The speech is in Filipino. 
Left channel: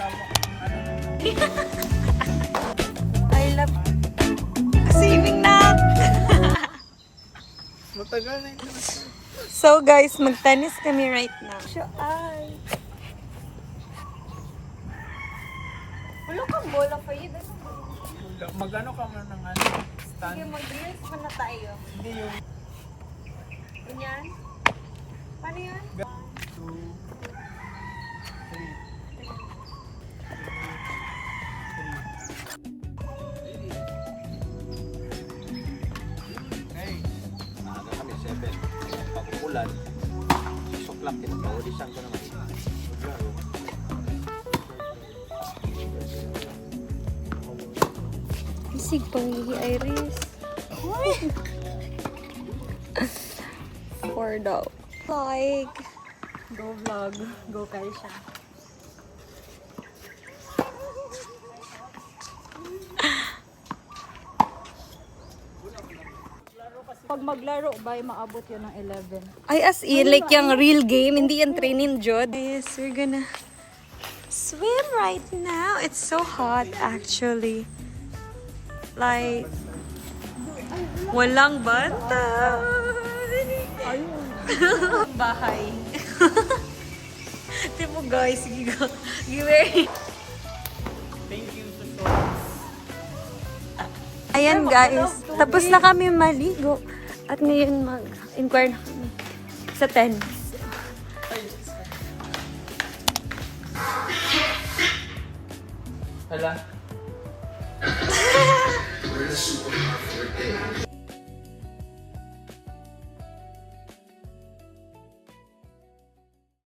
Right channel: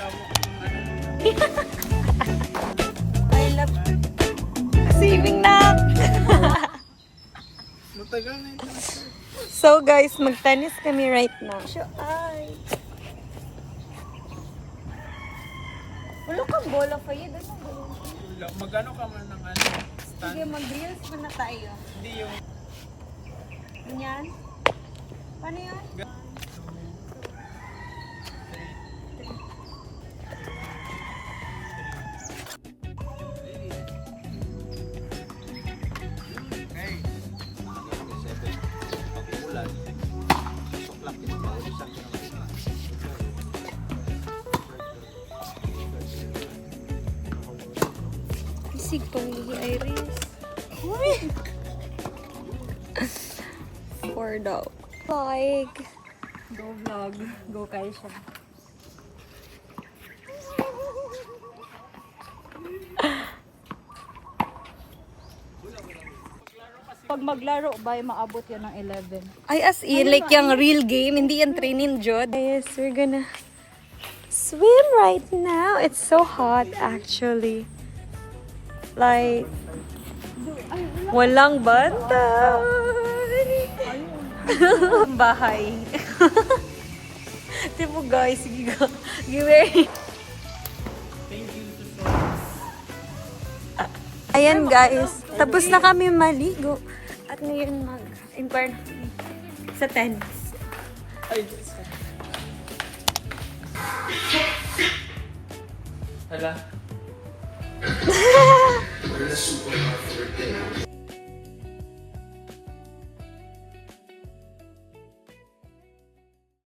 tama ang ano. I love swimming na. Matagal na yun. So guys, magtanis kami right now. So ay. Wala kang bola pa yun. Magano ka man ng ano? Stand? Sige, mag-reels pa na tayo. Hindi yung... Ganyan? Paano yun? 2, 3. Isig to yung Iris. For daw. Like. Go vlog. Go Kaisha. Pag maglaro ba, maabot yan ng 11. Ay, as in, like yung real game, hindi yung training jod. Yes, we're gonna swim right now. It's so hot, actually. Like, walang bantay. Bahay. Di mo guys, sige go. Give Thank you to so Ayan guys, tapos na kami maligo. At ngayon mag-inquire sa tennis. Hala.